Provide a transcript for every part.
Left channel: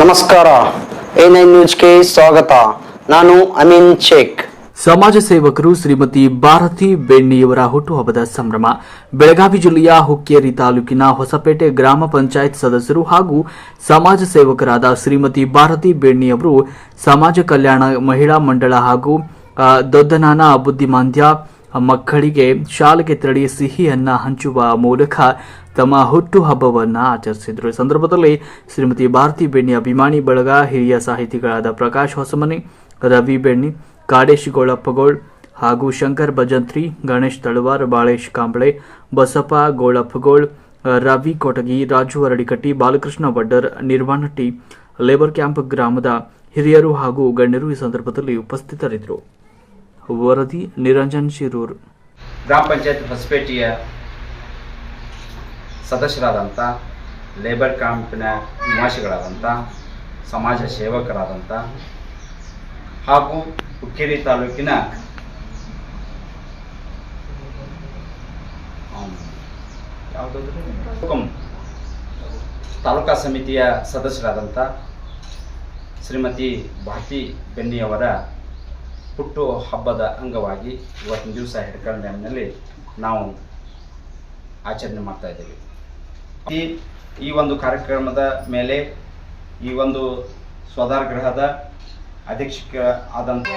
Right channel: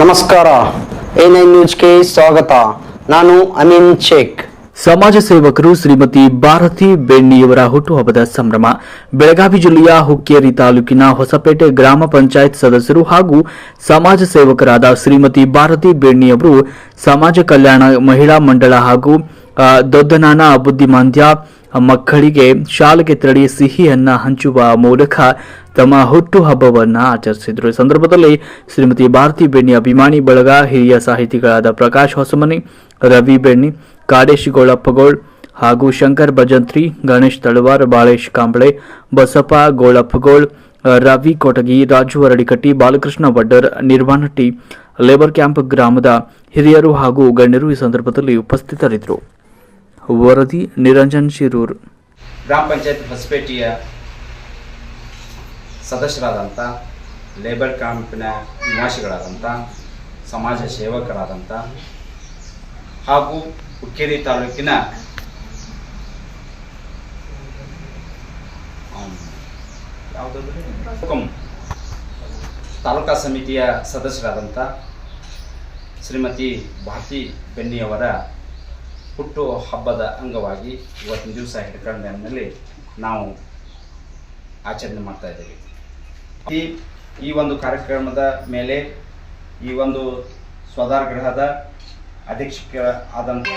ನಮಸ್ಕಾರ. A nine ನ್ಯೂಸ್ಗೆ ಸ್ವಾಗತ. ನಾನು ಅಮೀನ್ ಶೇಖ್. ಸಮಾಜ ಸೇವಕರು ಶ್ರೀಮತಿ ಭಾರತಿ ಬೆಣ್ಣಿಯವರ ಹುಟ್ಟುಹಬ್ಬದ ಸಂಭ್ರಮ. ಬೆಳಗಾವಿ ಜಿಲ್ಲೆಯ ಹುಕ್ಕೇರಿ ತಾಲೂಕಿನ ಹೊಸಪೇಟೆ ಗ್ರಾಮ ಪಂಚಾಯತ್ ಸದಸ್ಯರು ಹಾಗೂ ಸಮಾಜ ಸೇವಕರಾದ ಶ್ರೀಮತಿ ಭಾರತಿ ಬೆಣ್ಣಿಯವರು ಸಮಾಜ ಕಲ್ಯಾಣ ಮಹಿಳಾ ಮಂಡಳ ಹಾಗೂ ದೊಡ್ಡನಾನ ಬುದ್ಧಿಮಾಂದ್ಯ ಮಕ್ಕಳಿಗೆ ಶಾಲೆಗೆ ತೆರಳಿ ಸಿಹಿಯನ್ನ ಹಂಚುವ ಮೂಲಕ ತಮ್ಮ ಹುಟ್ಟುಹಬ್ಬವನ್ನು ಆಚರಿಸಿದರು. ಈ ಸಂದರ್ಭದಲ್ಲಿ ಶ್ರೀಮತಿ ಭಾರತಿ ಬೆಣ್ಣಿ ಅಭಿಮಾನಿ ಬಳಗ, ಹಿರಿಯ ಸಾಹಿತಿಗಳಾದ ಪ್ರಕಾಶ್ ಹೊಸಮನಿ, ರವಿ ಬೆಣ್ಣಿ ಕಾಡೇಶ್ ಗೋಳಪ್ಪಗೋಳ್ ಹಾಗೂ ಶಂಕರ್ ಭಜಂತ್ರಿ, ಗಣೇಶ್ ತಳವಾರ್ ಬಾಳೇಶ್ ಕಾಂಬಳೆ, ಬಸಪ್ಪ ಗೋಳಪ್ಪಗೋಳ್, ರವಿ ಕೊಟಗಿ, ರಾಜು ಅರಡಿಕಟ್ಟಿ, ಬಾಲಕೃಷ್ಣ ವಡ್ಡರ್ ನಿರ್ವಾಣಟ್ಟಿ ಲೇಬರ್ ಕ್ಯಾಂಪ್ ಗ್ರಾಮದ ಹಿರಿಯರು ಹಾಗೂ ಗಣ್ಯರು ಈ ಸಂದರ್ಭದಲ್ಲಿ ಉಪಸ್ಥಿತರಿದ್ದರು. ವರದಿ ನಿರಂಜನ್ ಶಿರೂರ್. ಗ್ರಾಮ ಪಂಚಾಯತ್ ಹೊಸಪೇಟೆಯ ಸದಸ್ಯರಾದಂಥ, ಲೇಬರ್ ಕ್ಯಾಂಪಿನ ನಿವಾಸಿಗಳಾದಂಥ, ಸಮಾಜ ಸೇವಕರಾದಂಥ ಹಾಗೂ ಹುಕ್ಕೇರಿ ತಾಲೂಕಿನ ಯಾವುದಾದ್ರೆ? ತಾಲೂಕಾ ಸಮಿತಿಯ ಸದಸ್ಯರಾದಂಥ ಶ್ರೀಮತಿ ಭಾರತಿ ಬೆನ್ನಿಯವರ ಹುಟ್ಟು ಹಬ್ಬದ ಅಂಗವಾಗಿ ಇವತ್ತಿನ ದಿವಸ ಹಿಡ್ಕಲ್ ಡ್ಯಾಮ್ನಲ್ಲಿ ನಾವು ಆಚರಣೆ ಮಾಡ್ತಾ ಇದ್ದೀವಿ. ಈ ಈ ಒಂದು ಕಾರ್ಯಕ್ರಮದ ಮೇಲೆ ಈ ಒಂದು ಸ್ವದಾರ್ ಗೃಹದ ಅಧ್ಯಕ್ಷಕ ಆದಂಥ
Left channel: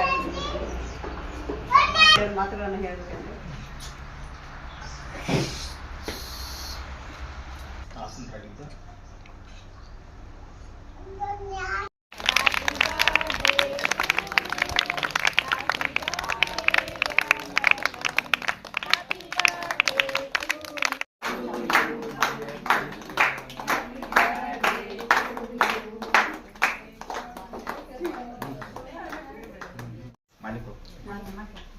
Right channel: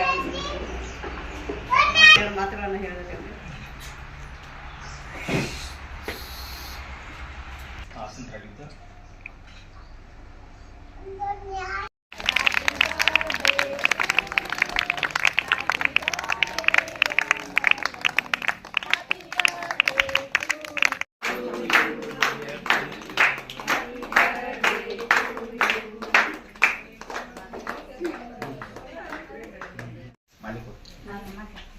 personaje.